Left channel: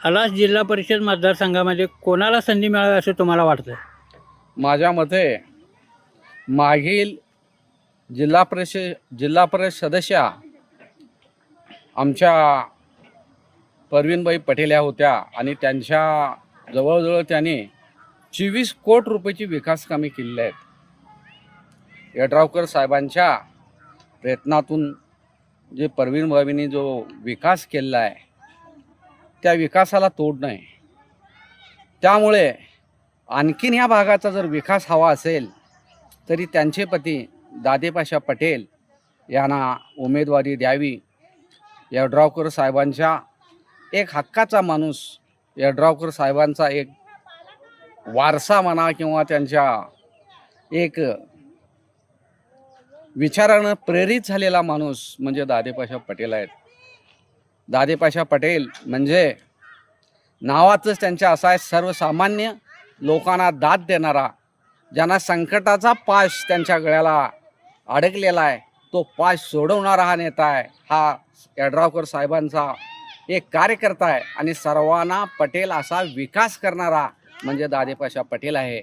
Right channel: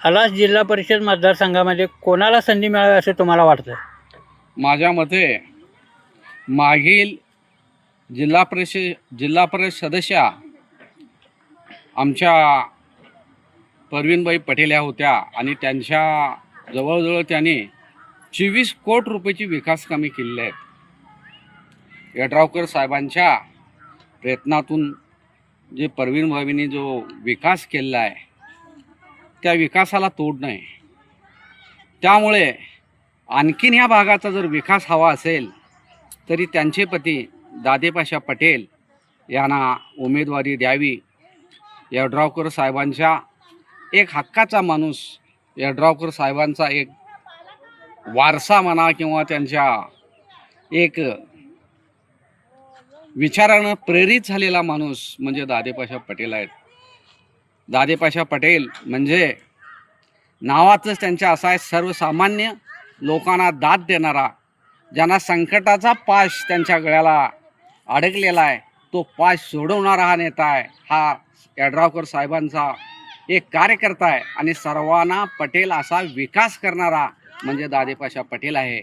आलास जिल्हा परिषद मतदारसंघामध्ये कोणाला संधी मिळावी असे तुम्हाला वाटतं? माझ्या मते मागील जिल्हा परिषद सदस्या आमच्या परवीनबाई पटेल या होत्या आणि त्यांच्या जवळजवळ त्यांनी 24 कोटी रुपयाची विकास कामे केलेली आहेत. यड्रावकर साहेबांच्या प्रयत्नातून जे परवीनबाईंनी जो विकास केलेला आहे त्या विकासाला तोड नाही. त्यामुळे आणखीन ह्या भागाचा जर विकास हवा असेल तरी त्यांचे पती दादेपाशा पटेल यांना उमेदवारी द्यावी. यड्रावकर साहेबांच्या एक हक्काचा माणूस, यड्रावकर साहेबांचा एक वारसा म्हणा किंवा त्यांच्या एक विचारानं प्रेरित झालेला माणूस म्हणजे दादेपाशा पटेल आहेत. दादेपाशा पटेल म्हणजे नावातच त्यांच्या असा आहे, सर्वसामान्य लोकांना दाद देणारा, ज्यांना संकटाचा पाश त्यांच्या गळ्याला अडकलेला आहे तो पाश सोडवणारा हा नेता आहे. हा यड्रावकर साहेबांचा एक कार्यकर्ता आहे आणि सर्वांना पटेल असा विकास करणारा म्हणजे दादेपाशा पटेल आहे.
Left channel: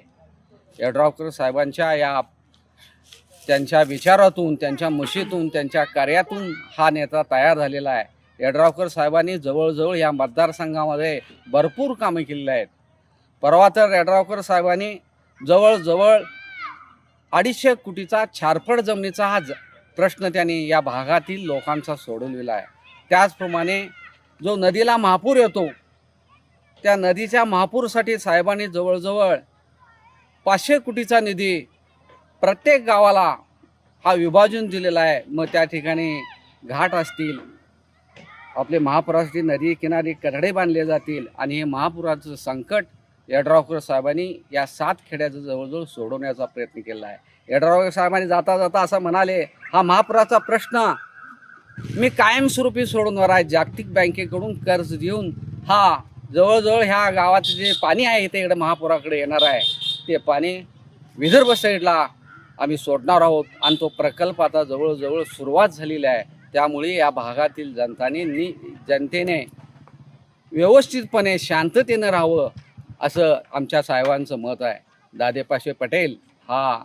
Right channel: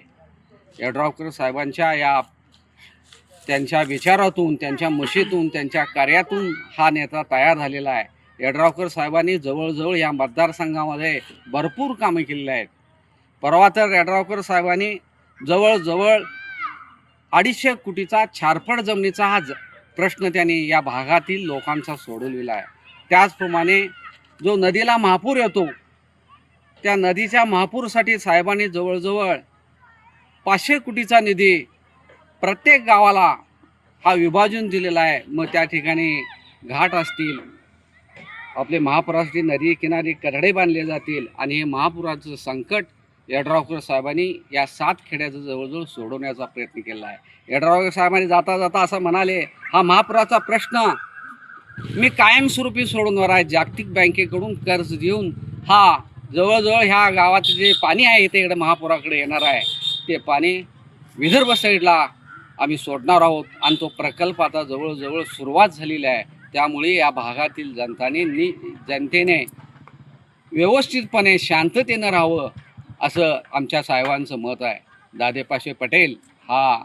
यड्रावकर साहेबांच्या त्यांच्या विचारातून, त्यांच्या मुशीतून, त्यांच्या कार्यातून हा नेता तयार झालेला आहे. यड्रावकर साहेबांनी जवळजवळ या मतदारसंघामध्ये भरपूर कामे केलेली आहेत. परवा तर यड्रावकर साहेबांनी जवळजवळ 250 कोटीचा छारपड जमिनीचा हा प्रश्न त्यांनी या भागातील लोकांचा सोडवलेला आहे. त्याचप्रमाणे जो नदीला महापूर येतो त्या नदीच्या महापूरसाठी साहेबांनी जवळजवळ 500 कोटीचा निधी प्रत्येक गावाला हा विभाजून दिलेला आहे. मग त्या ठिकाणी घाट असतील, आपले महापुरासाठी नदी किनारी कठडे बांधले जातील आणि हे महापुराचं संकट यड्रावकर साहेबांनी या 7 खेड्याचं जवळजवळ सोडवण्याचा प्रयत्न केला आहे. यड्रावकर साहेबांनी जाता जाता असं म्हणाले, हा महापुराचा प्रश्न मी कायमस्वरूपी सोडवणार आहे. जागतिक बँकेकडून कर्ज देऊन हा जवळजवळ ह्या गावाचं जे पाणी आहे इथे इकडे महापुराकडे येणार आहे ते पाणी विदर्भ साईडला आम्ही सोडणार आहोत आणि तो प्रकल्प आता जवळजवळ सुरुवात झालेला आहे. त्यामुळे या भागातील जनतेने व्यवस्थितपणे शांततेनं राहावं असं आमच्या साहेबांचं मत आहे. दादेपाशे पटेल हा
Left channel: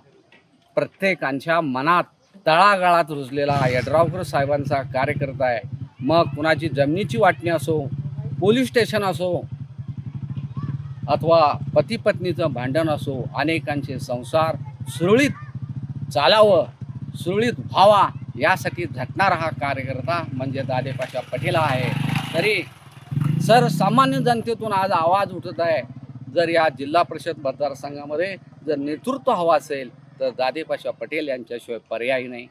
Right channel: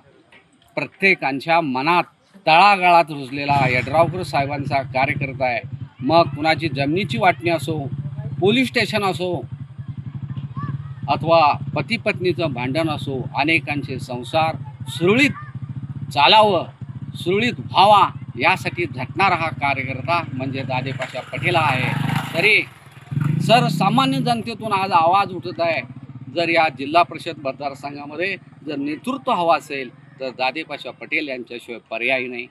प्रत्येकांच्या मनात तळागाळात रुजलेला यड्रावकर साहेबांचा कार्यकर्ता आहे. मग कुणाची जमिनीची वाटणी असो, पोलीस स्टेशन असो अथवा पती पत्नीचं भांडण असो, अनेकांचे संसार सुरळीत चालावं, सुरळीत व्हावा यासाठी झटणारा हा कार्यकर्ता म्हणजे दादेपाशा पटेल आहे. तरी सर्वसामान्य जनतेतून आज आवाज उठत आहे, जर या जिल्हा परिषद मतदारसंघामध्ये जर नेतृत्व हवं असेल तर दादेपाशा पटेल यांच्याशिवाय पर्याय नाही.